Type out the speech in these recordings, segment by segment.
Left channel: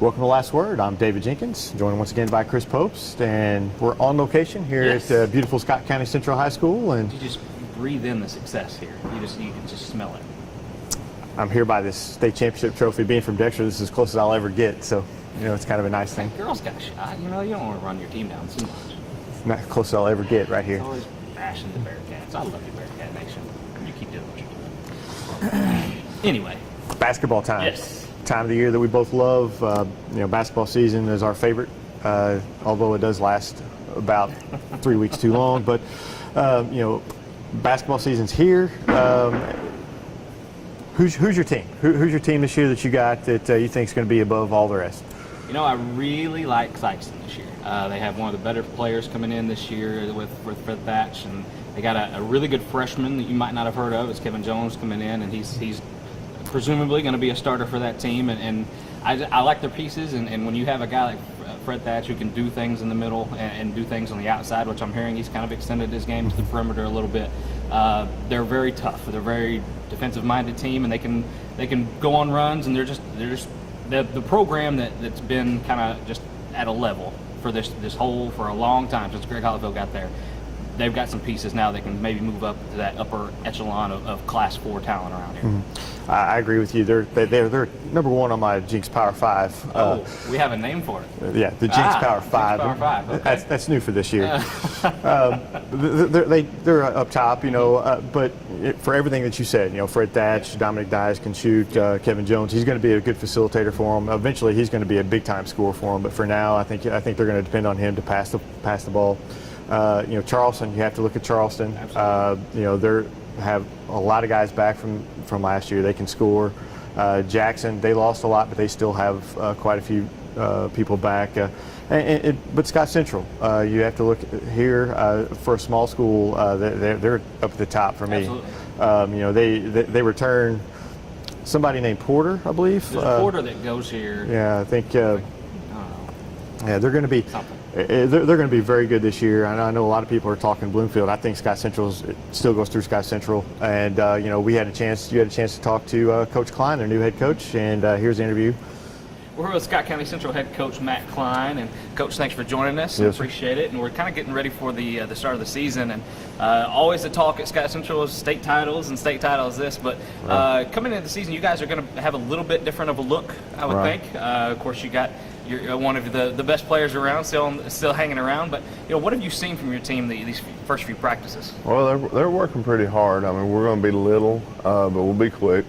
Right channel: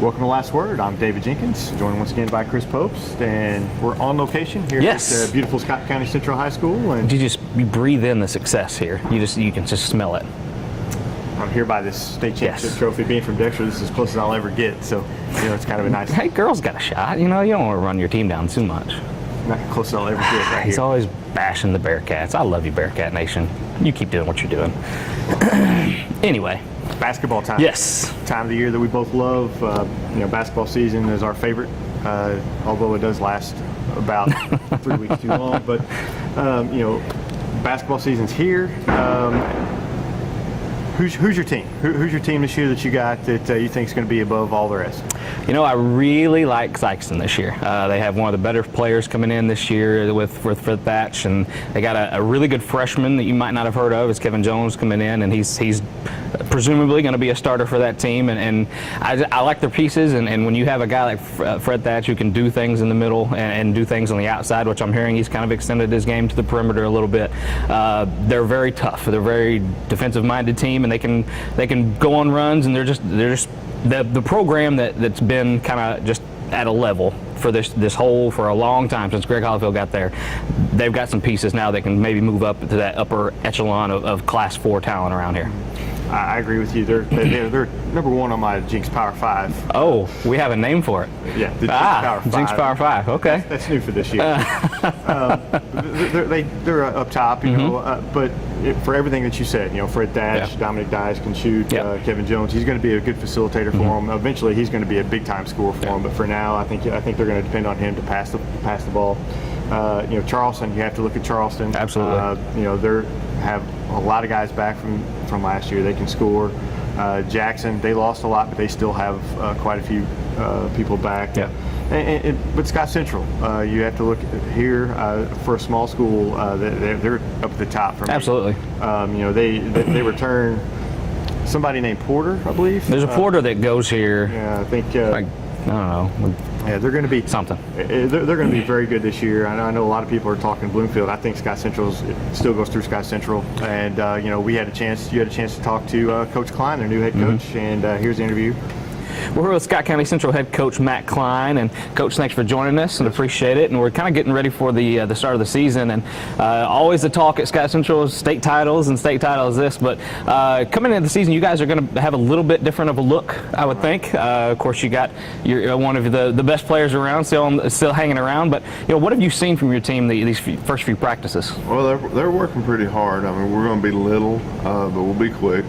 Welcome to Last Word. I'm David Jenkins, joined once again by Chris Popes, and we're on location here at beautiful Scott County Central High School. And you breathe in the success here. You can just smell it. I'm here by this state championship trophy. Being from Dexter, this is as close as I'll ever get, so it's kind of a nice Hey, girls got a shot. You don't want to run your team down too much. Not close as I'll ever get right He's here. always bashing the Bearcats. I love you, Bearcat Nation. You keep doing what you're doing. Anyway. Basketball time. Yes. Time of the year that we both love. Basketball season is our favorite, although it does last about 3 weeks too long. But, basketball season's here. Who's your team? Who's your team this year that you got that you think is going to be above all the rest? I really like Sykeston this year. They have one of the better players coming in this year with Thatch, and they got a really good freshman that you might not have heard of. It's Kevin Jones coming in, and he's presumably going to be a starter for that team. And I like their pieces, and when you have a guy like Fred Thatch who can do things in the middle and do things on the outside, which I'm hearing he's kind of extended his game to the perimeter a little bit, they're very tough. They're a very defensive-minded team, and they can go on runs, and they're just the program that's been kind of just at a level for for a long time since Greg Hollifield got there. They've got some pieces now that can maybe move up to that upper echelon of Class 4 talent around here. I agree with you. They're number one on my Jinx Power 5. Oh, we have a name for it. Yeah, the Jinx Power 5. Jinx Power 5. Okay, that's new for this year. They're up top, but for everything that you said, Fred Thatch, Dominic Dyes can shoot. Kevin Jones, he's going to be a good facilitator for them. Eventually, he's going to be a big-time scorer for them. But for now, I think they're going to depend on him to pass the ball. Charleston, you have to look at Charleston. Absolutely. They have a lot of guys back from last year. They can score. Jackson, they lost a lot, but they still have quite a few people back. Yeah. But Scott Central, you have to look here for a small school. They're up at the top for me. Absolutely. They return somebody named Porter, I believe. There's a Porter that goes here. Yeah, I think. I don't know. Yeah, they're going to be something. They're going to be very good this year. I know a lot of people are talking Bloomfield. I think Scott Central still goes through Scott Central, and you had a chance to talk to Coach Klein, their new head coach, and here's the interview. We're here with Scott County Central head coach Matt Klein, and Coach, thanks for joining us. We appreciate it. And we're kind of getting ready for the start of the season, and always the talk at Scott Central is state titles and state titles. But coming into the season, you guys are going to have a little bit different of a look, I would think. Of course, you're one of the best players around, still hanging around. But what have you seen from your team these first few practices? Well, they're working pretty hard. I mean, we're going to be little, but we'll be quick.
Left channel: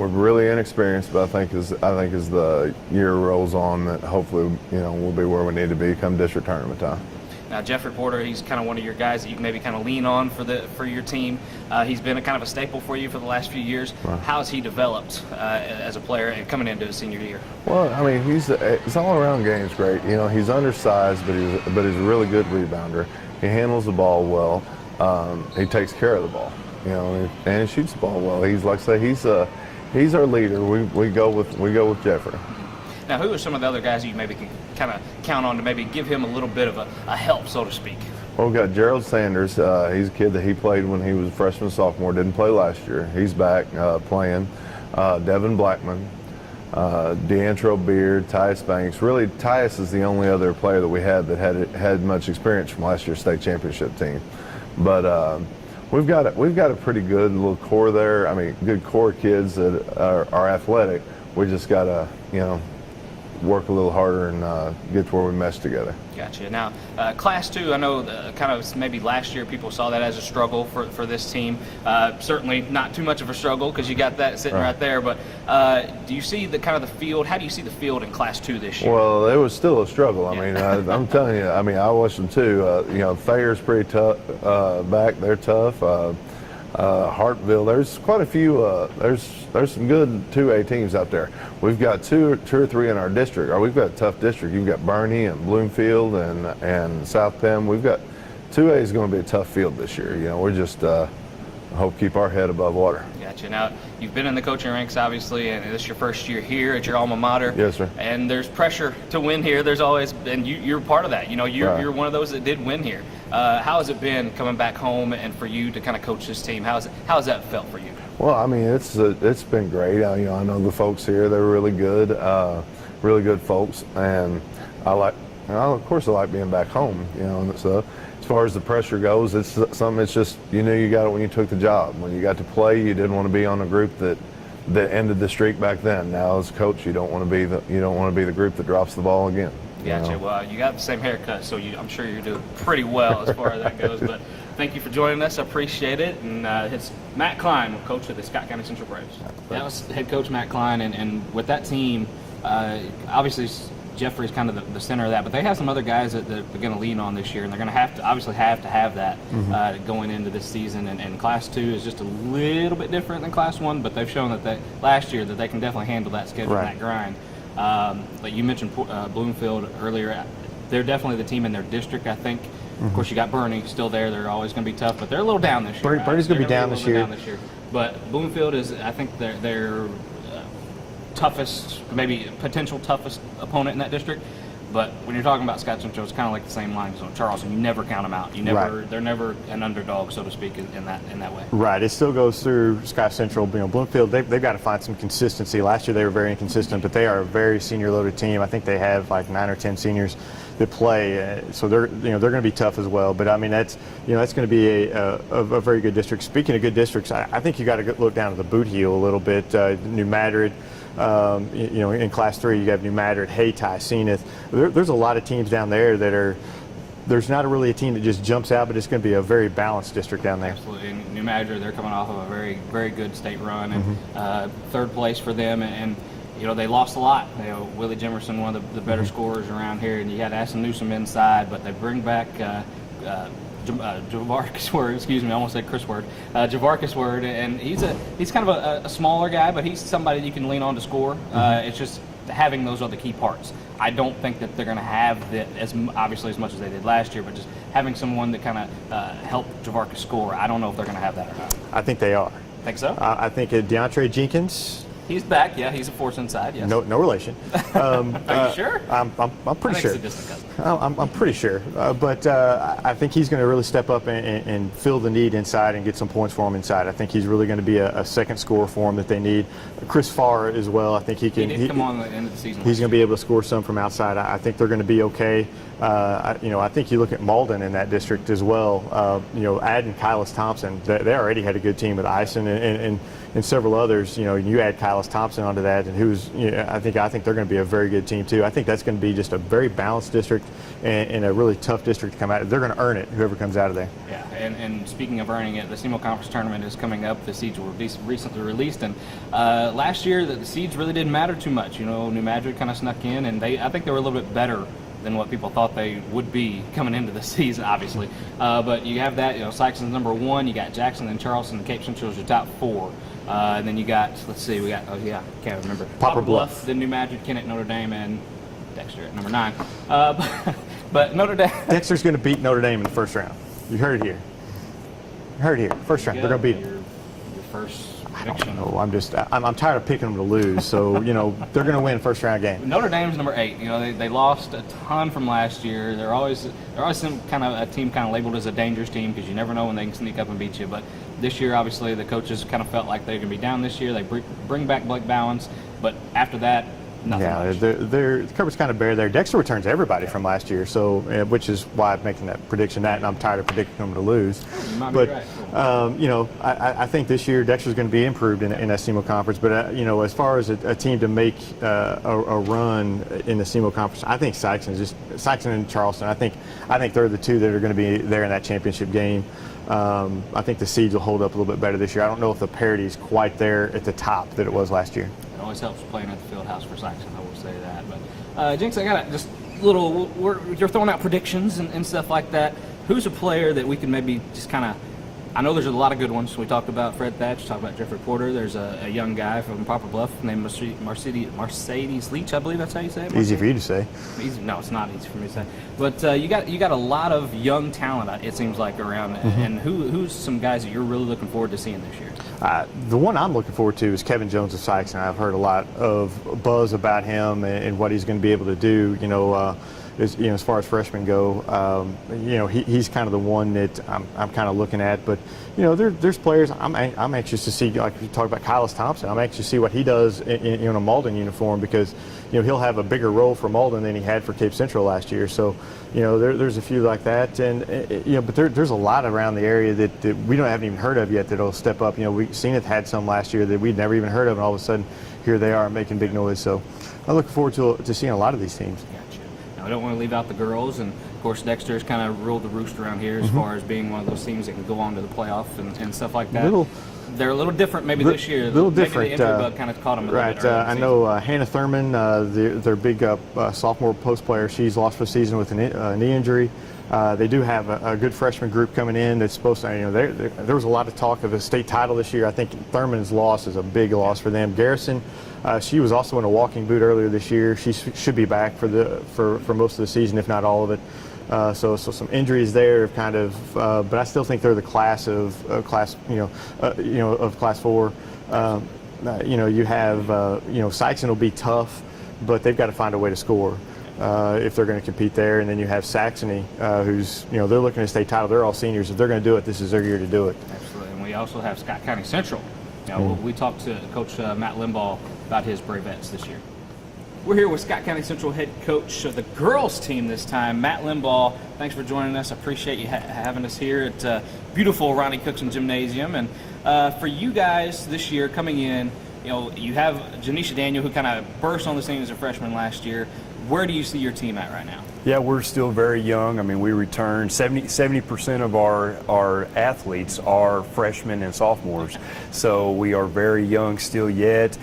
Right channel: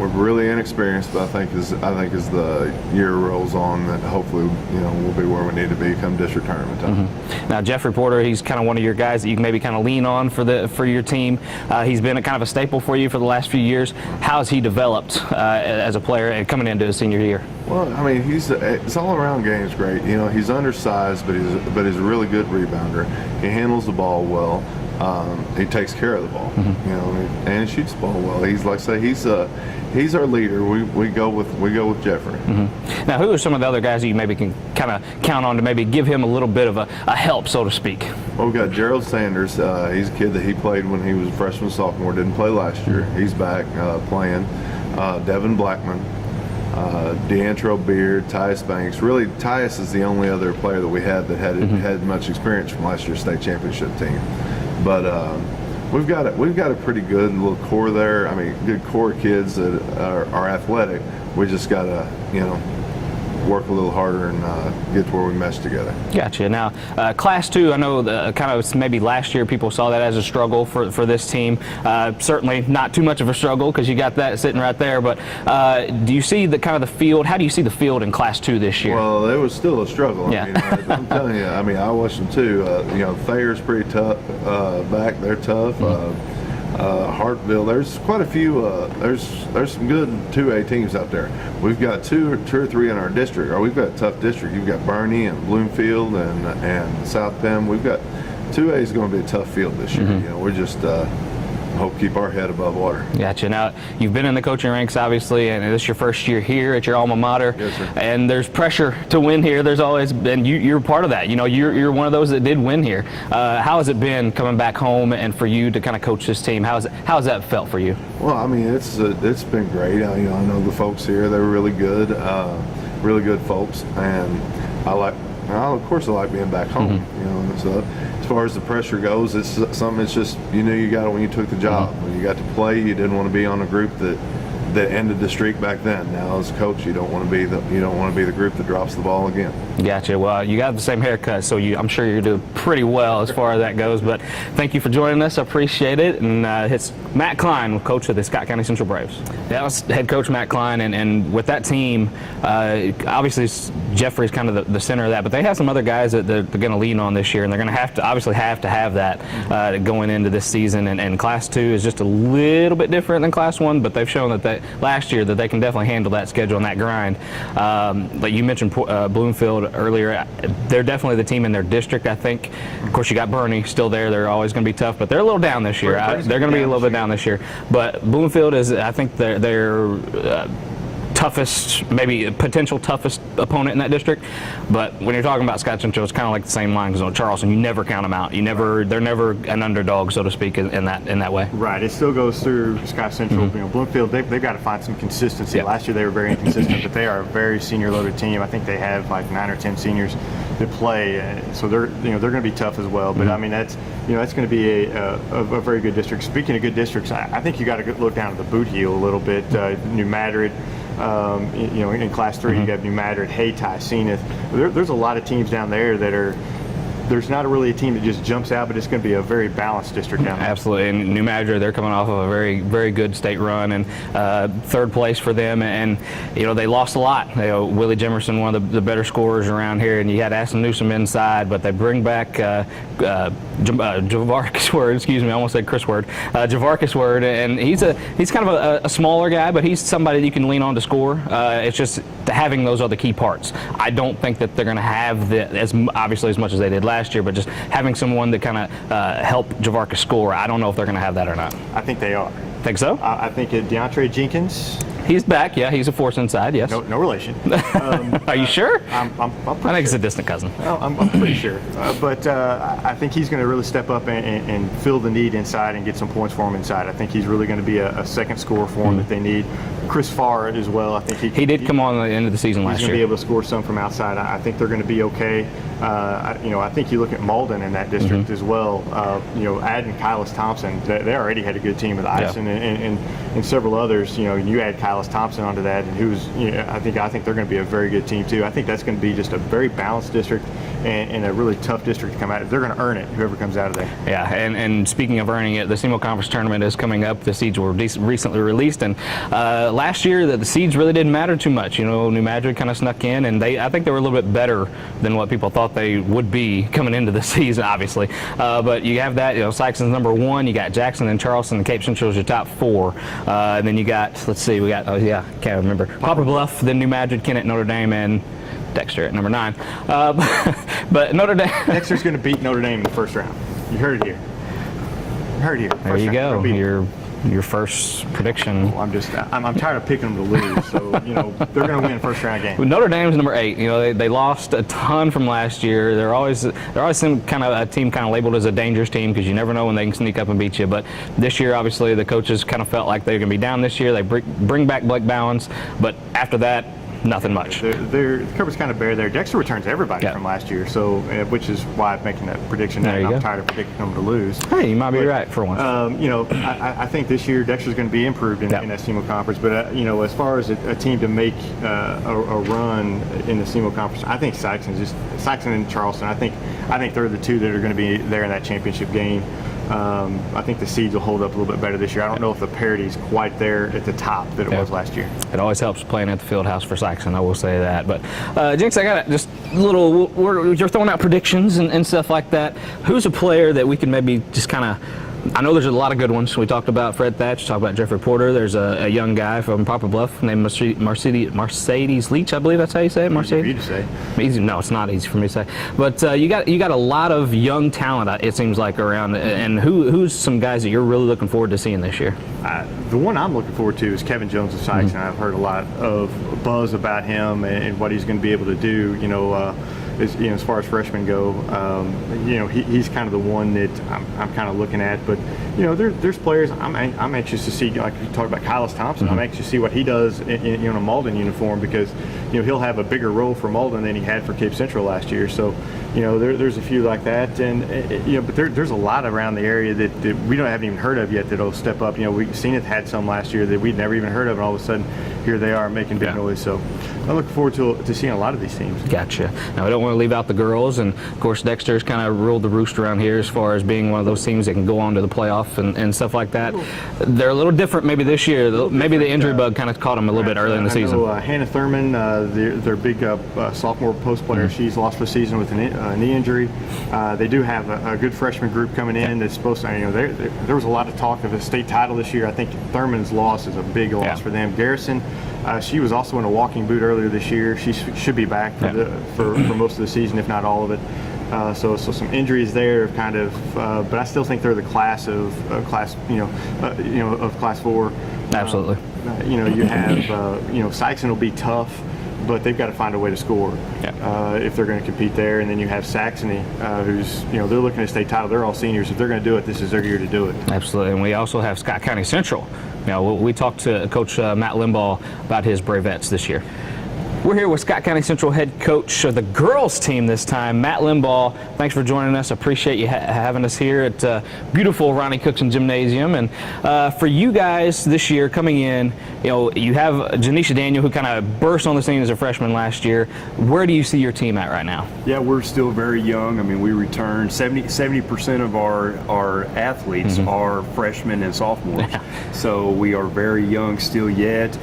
We're really inexperienced, but I think as the year rolls on, that hopefully we'll be where we need to be come district tournament time. Now, Jeffrey Porter, he's kind of one of your guys that you can maybe kind of lean on for your team. He's been a kind of a staple for you for the last few years. How has he developed as a player and coming into his senior year? Well, I mean, his all-around game's great. He's undersized, but he's a really good rebounder. He handles the ball well. He takes care of the ball, and he shoots the ball well. He's like I say, he's our leader. We go with Jeffrey. Now, who are some of the other guys that you maybe can kind of count on to maybe give him a little bit of a help, so to speak? Well, we've got Gerald Sanders. He's a kid that he played when he was a freshman, sophomore. Didn't play last year. He's back playing. Devin Blackman. Deantro Beard, Tyus Banks. Really, Tyus is the only other player that we had that had much experience from last year's state championship team. But we've got a pretty good little core there. I mean, good core kids that are athletic. We just got to work a little harder and get to where we mesh together. Gotcha. Now, Class 2, I know kind of maybe last year people saw that as a struggle for this team. Certainly not too much of a struggle because you got that sitting right there. But do you see the field? How do you see the field in Class 2 this year? Well, it was still a struggle. Yeah. I mean, I'm telling you. I mean, I watched them too. Thayer's pretty tough back. They're tough. Hartville. There's quite a few. There's some good 2A teams out there. We've got two or three in our district. We've got a tough district. You've got Bernie and Bloomfield and South Penn. We've got 2A is going to be a tough field this year. We're just hope keep our head above water. Gotcha. Now, you've been in the coaching ranks, obviously, and this is your first year here at your alma mater. Yes, sir. And there's pressure to win here. There's always been, you're part of that. You're one of those that did win here. How has it been coming back home and for you to kind of coach this team? How's that felt for you? Well, I mean, it's been great. I know the folks here; they're really good folks, and of course, I like being back home. So as far as the pressure goes, it's something. It's just you got it when you took the job. When you got to play, you didn't want to be on a group that ended the streak back then. Now as a coach, you don't want to be the group that drops the ball again. Gotcha. Well, you got the same haircut, so I'm sure you're doing pretty well as far as that goes. But thank you for joining us. I appreciate it. And it's Matt Klein, coach of the Scott County Central Braves. That was head coach Matt Klein, and with that team, obviously Jeffrey's kind of the center of that, but they have some other guys that they're going to lean on this year, and they're going to have to have that going into this season. And Class 2 is just a little bit different than Class 1, but they've shown that last year that they can definitely handle that schedule and that grind. Like you mentioned Bloomfield earlier, they're definitely the team in their district, I think. Of course, you got Bernie still there. They're always going to be tough, but they're a little down this year. They're going to be a little bit down this year. But Bloomfield is, I think, they're toughest, maybe potential toughest opponent in that district. But when you're talking about Scott Central, it's kind of like the same line as Charleston. You never count them out. They're never an underdog, so to speak, in that way. Right. It still goes through Scott Central. Bloomfield, they've got to find some consistency. Yep. Last year they were very inconsistent, but they are a very senior-loaded team. I think they have like 9 or 10 seniors that play, so they're going to be tough as well. But I mean that's going to be a very good district. Speaking of good districts, I think you got to look down at the boot heel a little bit. New Madrid. In Class 3, you got New Madrid, Hayti, Zenith. There's a lot of teams down there that are. There's not really a team that just jumps out, but it's going to be a very balanced district down there. Absolutely. And New Madrid, they're coming off of a very, very good state run and third place for them. And they lost a lot. Willie Jimerson, one of the better scorers around here, and you had Aston Newsom inside, but they bring back Javarcus Word. Excuse me, I almost said Chris Word. Javarcus Word, and he's kind of a smaller guy, but he's somebody you can lean on to score. It's just having those other key parts. I don't think that they're going to have as much as they did last year, but just having someone that kind of help Javarcus score, I don't know if they're going to have that or not. I think they are. Think so? I think DeAndre Jenkins. He's back, yeah. He's a force inside, yes. No relation. Are you sure? I'm pretty sure. I think he's a distant cousin. I'm pretty sure. But I think he's going to really step up and fill the need inside and get some points for him inside. I think he's really going to be a second scorer for them that they need. Chris Farr as well. I think he did come on at the end of the season last year. He's going to be able to score some from outside. I think they're going to be okay. I think you look at Malden in that district as well. Adding Kylis Thompson, they already had a good team with Ison and several others. You add Kylis Thompson onto that, and I think they're going to be a very good team too. I think that's going to be just a very balanced district and a really tough district to come out of. They're going to earn it, whoever comes out of there. Yeah, and speaking of earning it, the SEMO Conference Tournament is coming up. The seeds were recently released, and last year the seeds really didn't matter too much. New Madrid kind of snuck in, and I think they were a little bit better than what people thought they would be coming into the season, obviously. But you have that, Sykeston's number 1, you got Jackson and Charleston, and Cape Central's your top 4. And then you got, can't remember. Poplar Bluff, then New Madrid, Kennett, Notre Dame, and Dexter at number 9. But Notre Dame. Dexter's going to beat Notre Dame in the first round. You heard it here. There you go. Your first prediction. Well, I'm tired of picking them to lose. So they're going to win first round game. Notre Dame's number 8. They lost a ton from last year. They're always some kind of a team kind of labeled as a dangerous team because you never know when they can sneak up and beat you. But this year, obviously, the coaches kind of felt like they were going to be down this year. They bring back Blake Bowens, but after that, nothing much. The cover's kind of bare there. Dexter returns everybody from last year, so which is why I'm making that prediction. I'm tired of predicting them to lose. Hey, you might be right for once. I think this year Dexter's going to be improved in that SEMO conference. But as far as a team to make a run in the SEMO conference, I think Sykeston and Charleston. I think they're the two that are going to be there in that championship game. I think the seeds will hold up a little bit better this year. I don't know if the parity's quite there at the top that it was last year. It always helps playing at the field house for Sykeston, I will say that. But, Jinx, I got just a little, you're throwing out predictions and stuff like that. Who's a player that we can maybe just kind of I know there's a lot of good ones. We talked about Fred Thatch, talked about Jeffrey Porter. There's a young guy from Poplar Bluff named Mercedes Leach, I believe that's how you say it. Easy for you to say. Easy, no, it's not easy for me to say. But you got a lot of young talent, it seems like, around. And who's some guys that you're really looking forward to seeing this year? The one I'm looking forward to is Kevin Jones of Sykes, and I've heard a lot of buzz about him and what he's going to be able to do. As far as freshmen go, he's kind of the one that I'm kind of looking at. But there's players I'm anxious to see. Like you talk about Kylis Thompson, I'm anxious to see what he does in a Malden uniform, because he'll have a bigger role for Malden than he had for Cape Central last year. So there's a few like that, and but there's a lot around the area that we haven't even heard of yet that'll step up. Zenith had some last year that we'd never even heard of, and all of a sudden here they are making big noise. So I look forward to seeing a lot of these teams. Gotcha. Now, we don't want to leave out the girls, and of course Dexter's kind of ruled the roost around here as far as being one of those teams that can go on to the playoff and stuff like that. They're a little different maybe this year. Maybe the injury bug kind of caught them a little bit early in the season. I know Hannah Thurman, their big sophomore post player, she's lost for the season with a knee injury. They do have a good freshman group coming in that's supposed to, there was a lot of talk of a state title this year. I think Thurman's loss is a big loss for them. Garrison, she was also in a walking boot earlier this year. She should be back for most of the season, if not all of it. So some injuries there, kind of, but I still think they're the class of class 4. Absolutely. You have Sykeston will be tough, but they've got to find a way to score if they're going to compete there. And then you have Saxony, who's they're looking at state title. They're all seniors. If they're going to do it, this is their year to do it. Absolutely. And we also have Scott County Central. We talked to Coach Matt Limbaugh about his Bravettes this year. We're here with Scott County Central head coach of the girls team this time, Matt Limbaugh. Thanks for joining us. I appreciate you having us here at beautiful Ronnie Cookson Gymnasium. And for you guys this year coming in, you have Janisha Daniel, who kind of burst on the scene as a freshman last year. Where do you see your team at right now? Yeah, we're still very young. I mean, we return 70% of our athletes are freshmen and sophomores. So we are very young still yet.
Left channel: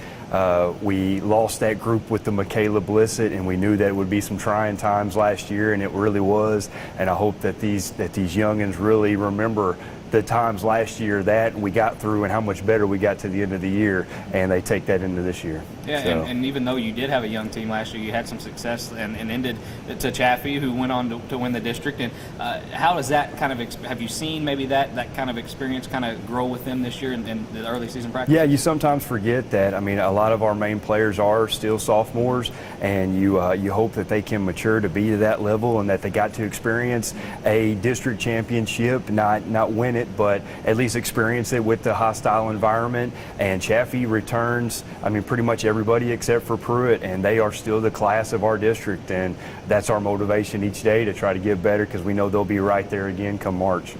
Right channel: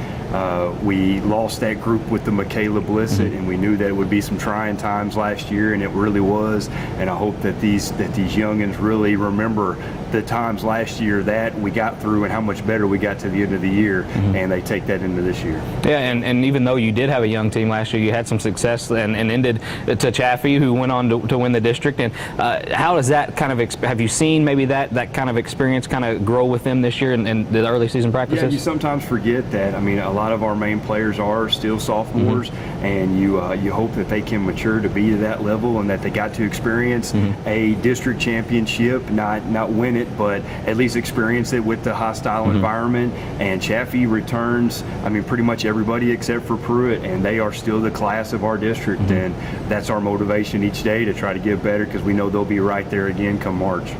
We lost that group with the Michaela Blissett, and we knew that it would be some trying times last year, and it really was. And I hope that these youngins really remember the times last year that we got through and how much better we got to the end of the year, and they take that into this year. Yeah, so. and even though you did have a young team last year, you had some success and ended to Chaffee, who went on to win the district. And how does that kind of have you seen maybe that kind of experience kind of grow with them this year in the early season practices? Yeah, you sometimes forget that. I mean, a lot of our main players are still sophomores, and you hope that they can mature to be to that level and that they got to experience a district championship, not win it, but at least experience it with the hostile environment. And Chaffee returns, I mean, pretty much everybody except for Pruitt, and they are still the class of our district, and that's our motivation each day to try to get better, because we know they'll be right there again come March.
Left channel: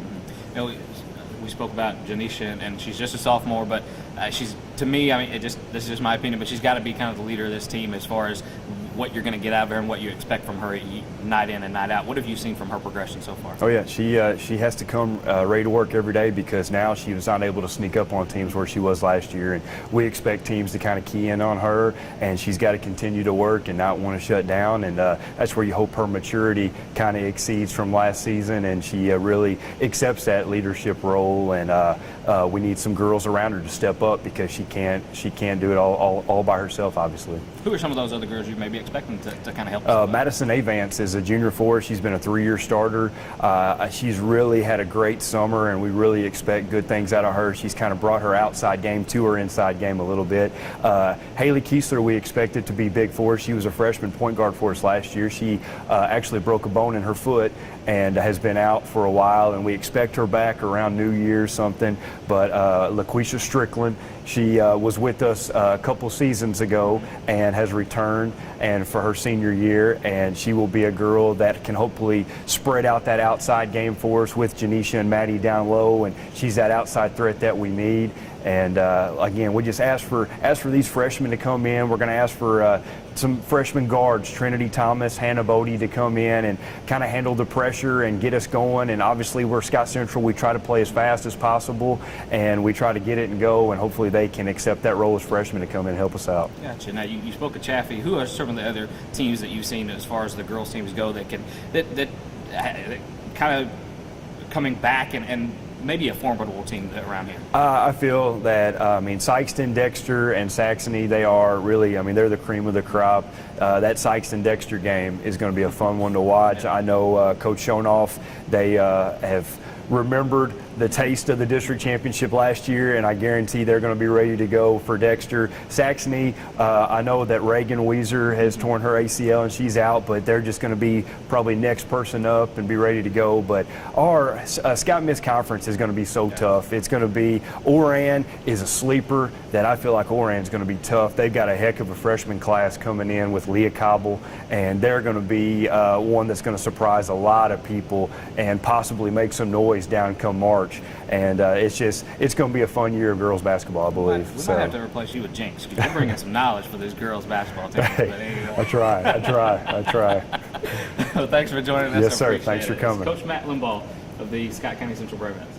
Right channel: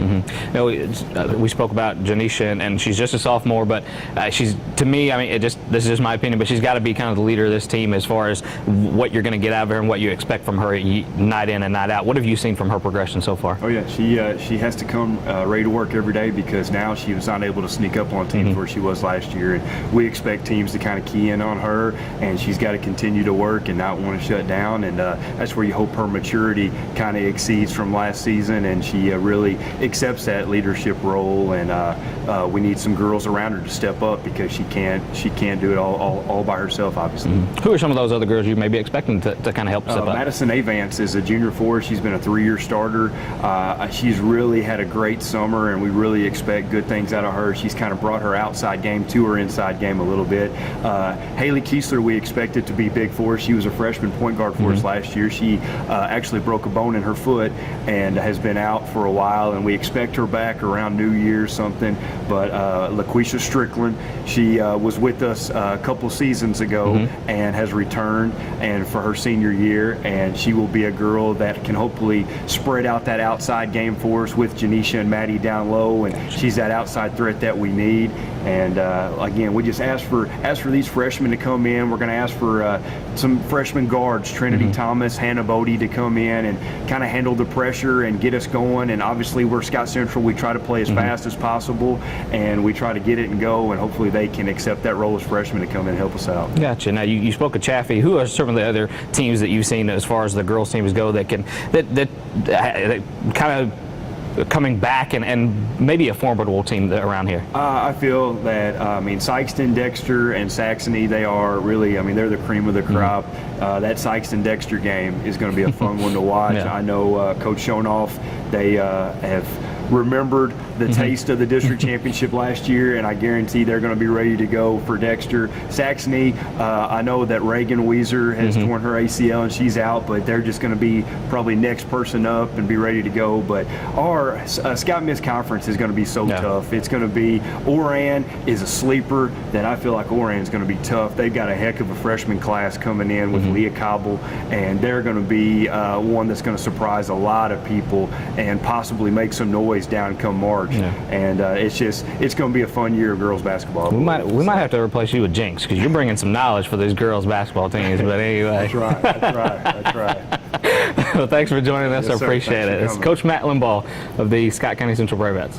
We spoke about Janisha, and she's just a sophomore, but she's, to me, I mean, this is just my opinion, but she's got to be kind of the leader of this team as far as what you're going to get out of her and what you expect from her night in and night out. What have you seen from her progression so far? Oh yeah, she has to come ready to work every day, because now she was not able to sneak up on teams where she was last year, and we expect teams to kind of key in on her, and she's got to continue to work and not want to shut down, and that's where you hope her maturity kind of exceeds from last season, and she really accepts that leadership role, and we need some girls around her to step up, because she can't do it all by herself, obviously. Who are some of those other girls you may be expecting to kind of help step up? Madison Avance is a junior for us. She's been a 3-year starter. She's really had a great summer, and we really expect good things out of her. She's kind of brought her outside game to her inside game a little bit. Haley Kiesler, we expected to be big for us. She was a freshman point guard for us last year. She actually broke a bone in her foot and has been out for a while, and we expect her back around New Year's something. But LaQuisha Strickland, she was with us a couple seasons ago and has returned, and for her senior year, and she will be a girl that can hopefully spread out that outside game for us with Janisha and Maddie down low, and she's that outside threat that we need. And again, we just ask for these freshmen to come in. We're going to ask for some freshman guards, Trinity Thomas, Hannah Bodie, to come in and kind of handle the pressure and get us going. And obviously, we're Scott Central. We try to play as fast as possible, and we try to get it and go. And hopefully, they can accept that role as freshmen to come in and help us out. Gotcha. Now, you spoke of Chaffee. Who are some of the other teams that you've seen as far as the girls teams go that kind of coming back and maybe a formidable team around here? I feel that, Sykeston, Dexter, and Saxony, they are really, they're the cream of the crop. That Sykeston-Dexter game is going to be a fun one to watch. Yeah. I know Coach Schonoff, they have remembered the taste of the district championship last year, and I guarantee they're going to be ready to go for Dexter. Saxony, I know that Reagan Weiser has torn her ACL and she's out, but they're just going to be probably next person up and be ready to go. But our Scout Miss Conference is going to be so tough. It's going to be, Oran is a sleeper that I feel like Oran's going to be tough. They've got a heck of a freshman class coming in with Leah Cobble, and they're going to be one that's going to surprise a lot of people and possibly make some noise down come March. And it's going to be a fun year of girls basketball. We might have to replace you with Jinx, because you're bringing some knowledge for these girls basketball teams. But anyway. I try. Well, thanks for joining us. Yes, I sir. appreciate Thanks for it. It's coming. Coach Matt Limbaugh of the Scott County Central Bravettes.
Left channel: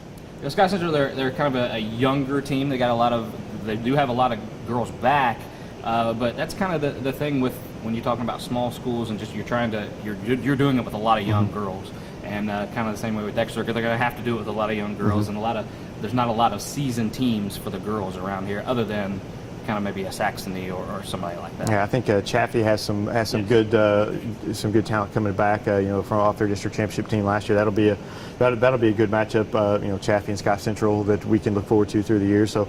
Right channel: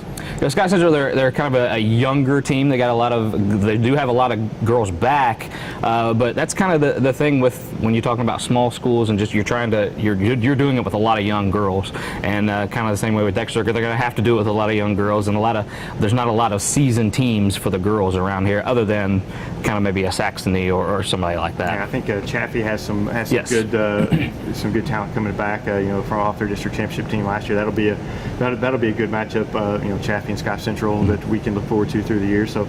Scott Central, they're kind of a younger team. They do have a lot of girls back, but that's kind of the thing with when you're talking about small schools and just you're doing it with a lot of young girls, and kind of the same way with Dexter. They're going to have to do it with a lot of young girls, and there's not a lot of seasoned teams for the girls around here, other than kind of maybe a Saxony or somebody like that. Yeah, I think Chaffee has some good talent coming back. From off their district championship team last year. That'll be a good matchup. Chaffee and Scott Central that we can look forward to through the year. So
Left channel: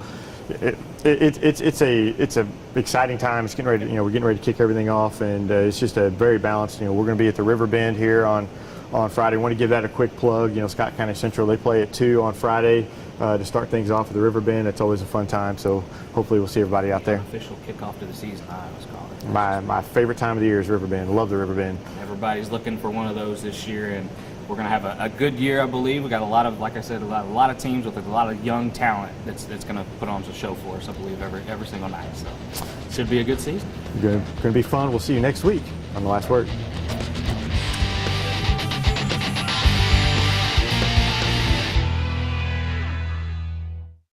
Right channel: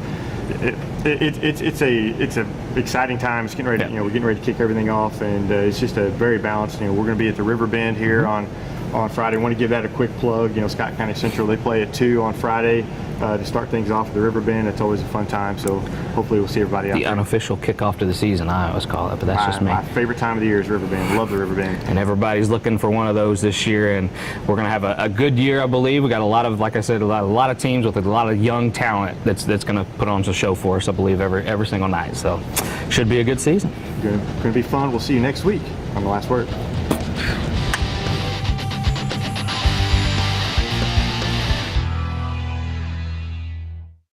it's a exciting time. It's getting ready. We're getting ready to kick everything off, and it's just a very balanced. We're going to be at the River Bend here on Friday. I want to give that a quick plug. Scott County Central, they play at 2 on Friday to start things off at the River Bend. It's always a fun time, so hopefully we'll see everybody out there. The unofficial kickoff to the season, I always call it, but that's just me. My favorite time of the year is River Bend. Love the River Bend. And everybody's looking for one of those this year, and we're going to have a good year, I believe. We got a lot of, like I said, a lot of teams with a lot of young talent that's going to put on a show for us, I believe, every single night. So should be a good season. Going to be fun. We'll see you next week on The Last Word.